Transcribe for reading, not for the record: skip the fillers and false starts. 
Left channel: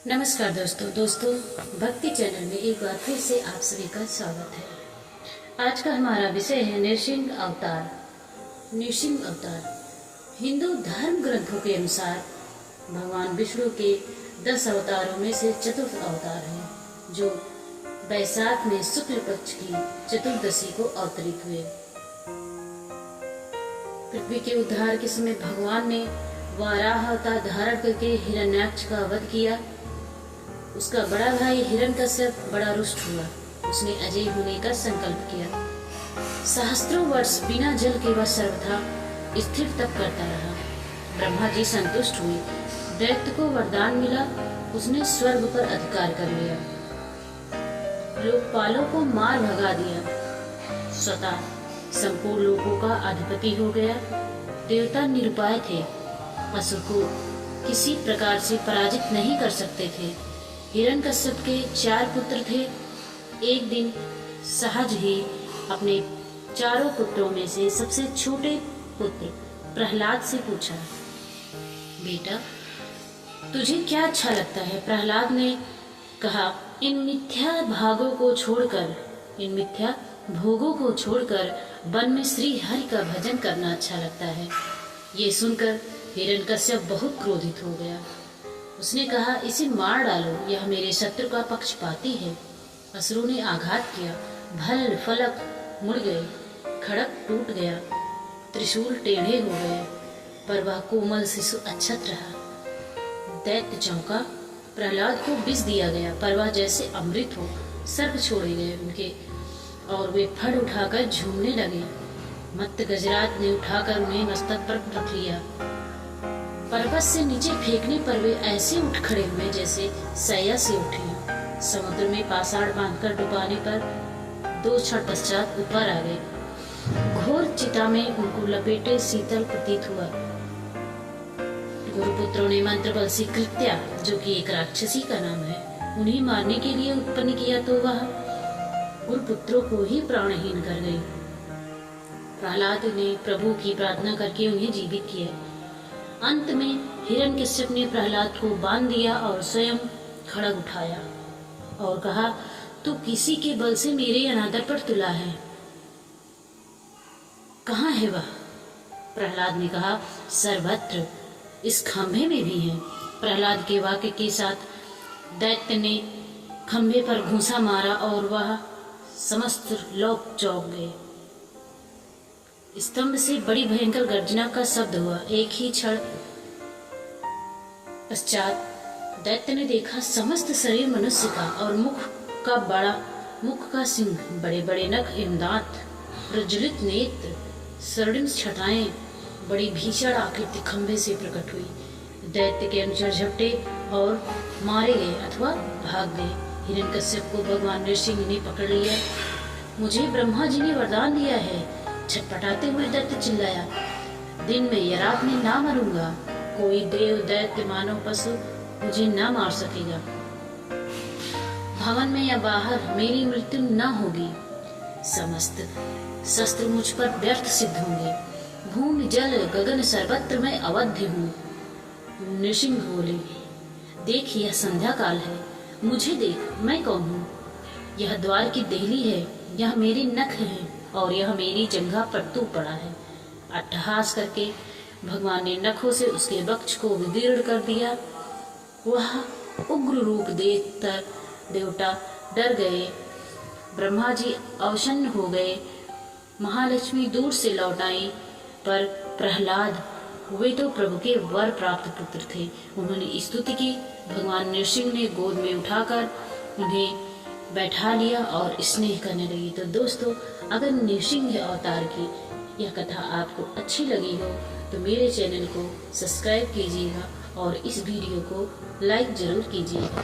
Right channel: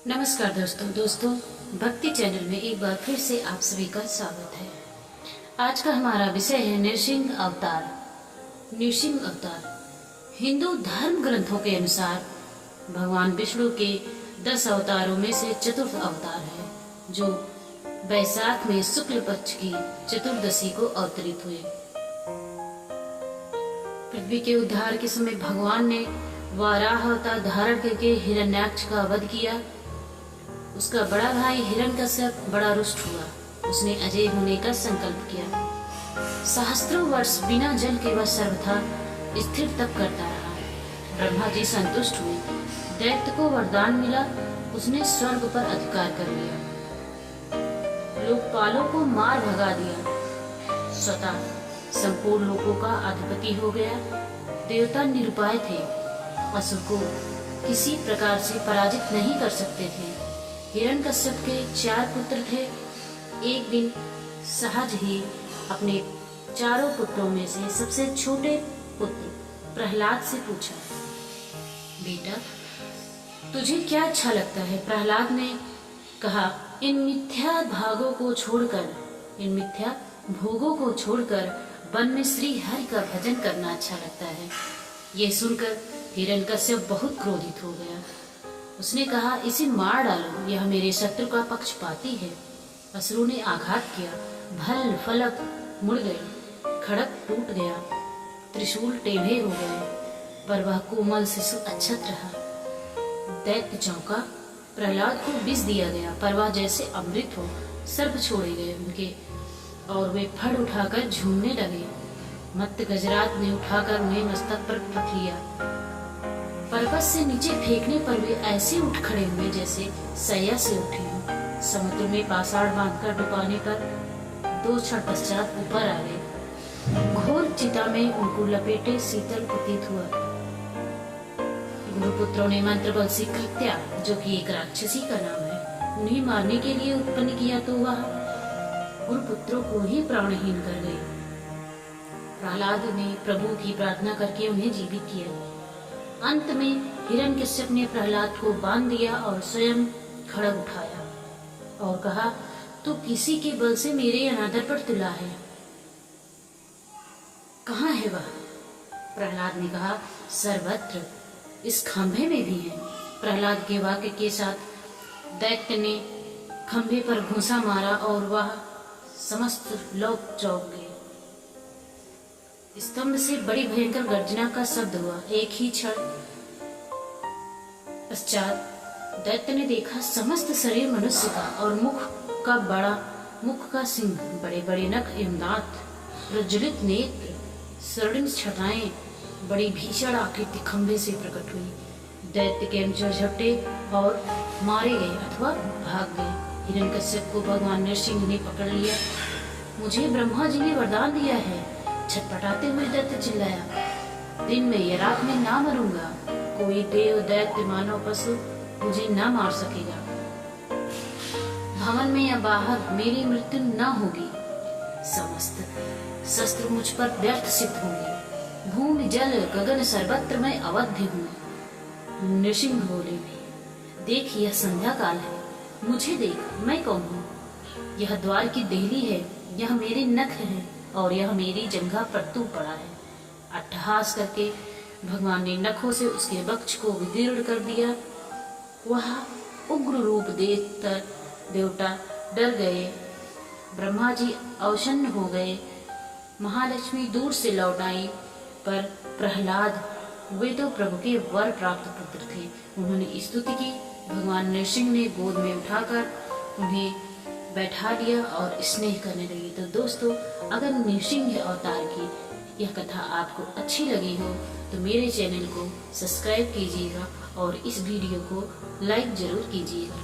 नमस्कार दोस्तों भक्ति चैनल में एक बार फिर से आप सभी का स्वागत है। आज का हमारा विषय है नृसिंह अवतार। नृसिंह अवतार हिंदू धर्म ग्रंथों के अनुसार भगवान विष्णु के 10 अवतारों में से चतुर्थ अवतार है, जो वैशाख में शुक्ल पक्ष की चतुर्दशी को अवतरित हुए। पृथ्वी के उद्धार के समय भगवान ने वाराह अवतार धारण करके हिरण्याक्ष का वध किया। उसका बड़ा भाई हिरण्यकश्यप बड़ा रुष्ट हुआ। उसने अजय होने का संकल्प किया। सहस्त्रों वर्ष बिना जल के वह सर्वथा स्थिर तप करता रहा। ब्रह्मा जी संतुष्ट हुए। दैत्य को वरदान मिला, उसने स्वर्ग पर अधिकार कर लिया। लोकपालों को मार भगा दिया। स्वतः संपूर्ण लोकों का अधिपति हो गया। देवता निरुपाय थे, असुर को किसी प्रकार से पराजित नहीं कर सकते थे। हिरण्यकश्यप के 4 पुत्र थे। एक दिन सहज ही अपने चारों पुत्रों में से सबसे छोटे पुत्र प्रहलाद से पूछा, बेटा तुझे क्या अच्छा लगता है? प्रहलाद ने कहा, इन मिथ्या भोगों को छोड़कर वन में श्री हरि का भजन करना अच्छा लगता है। ये सुनकर हिरण्यकश्यप बहुत क्रोधित हो गया। उसने कहा, इसे मार डालो, यह मेरे शत्रु का पक्षपाती है। असुरों ने आघात किया। भल फलक मुड़ गए, खड़ग टूट गया, त्रिशूल टेढ़े हो गए, पर वह कोमल शिशु अक्षत रहा। दैत्य चौंका। प्रहलाद को विष दिया गया, पर वह जैसे अमृत हो। सर्प छोड़े गए उनके और वे फड़ उठाकर झूमने लगे। मत्त गजराज ने उठाकर उन्हें मस्तक पर रख लिया। पर्वत से नीचे फेंकने पर वे ऐसे उठ खड़े हुए जैसे सैया से उठे हों। समुद्र में पाषाण बांधकर डुबाने पर 2 क्षण पश्चात ऊपर आ गए। घोर चिता में उनको लपेटे शीतल प्रतीत हुआ। गुरुपुत्रों ने मंत्र बल से कृत्या, जो कि एक राक्षसी का नाम है, उन्हें मारने के लिए उत्पन्न किया, तो वह गुरुपुत्रों को ही प्राणहीन कर गई। प्रहलाद ने प्रभु की प्रार्थना करके उन्हें जीवित किया। अंत में हिरण्यकश्यप ने प्रहलाद को बांध दिया और स्वयं खड़ग उठाया और कहा, तू किसी के बल से मेरे अनादर पर तुला है, कहाँ है वह? प्रहलाद ने कहा, सर्वत्र, इस खंभे में भी है। प्रहलाद के वाक्य के साथ दैत्य ने खंभे पर घूंसा मारा और वह समस्त लोक चौंक गए। स्तंभ से बड़ी भयंकर गर्जना का शब्द हुआ। एक ही क्षण पश्चात दैत्य ने देखा, समस्त शरीर मनुष्य का और मुख का सिंह, बड़े बड़े नख एवं दांत, प्रज्वलित नेत्र, स्वर्णिम छटाएं, बड़ी भीषण आकृति खंभे से प्रकट हुई। दैत्य के अनुचर झपटे और मारे गए अथवा भाग गए। हिरण्यकश्यप को भगवान नृसिंह ने पकड़ लिया। मुझे ब्रह्मा जी ने वरदान दिया है, छटपटाते हुए दैत्य चिल्लाया, दिन में या रात में ना मरूंगा। कोई देव, दैत्य, मानव, पशु मुझे ना मार सकेगा। भवन में या बाहर मेरी मृत्यु न होगी। समस्त शस्त्र मुझ पर व्यर्थ सिद्ध होंगे। भूमि, जल, गगन सर्वत्र मैं अवध्य हूँ। नृसिंह बोले, देख यह संध्या काल है, मुझे देख, मैं कौन हूँ? यह द्वार की देहली है, यह मेरे नख है और यह मेरी जंघा पर तू पड़ा है। अट्टहास करके भगवान ने नखों से उसके वक्ष को विदीर्ण कर दिया। वह उग्र रूप देखकर देवता डर गए। ब्रह्मा जी अवसन्न हो गए। महालक्ष्मी दूर से लौट आई, पर प्रहलाद, वे तो प्रभु के वर प्राप्त पुत्र थे, उन्होंने स्तुति की। भगवान नृसिंह ने गोद में उठाकर उन्हें बैठा लिया और स्नेह करने लगी। तो दोस्तों, अगर नृसिंह अवतार की यह कथा आपको अच्छी लगी हो तो मेरे चैनल को सब्सक्राइब कीजिएगा और इस वीडियो को लाइक जरूर कीजिएगा।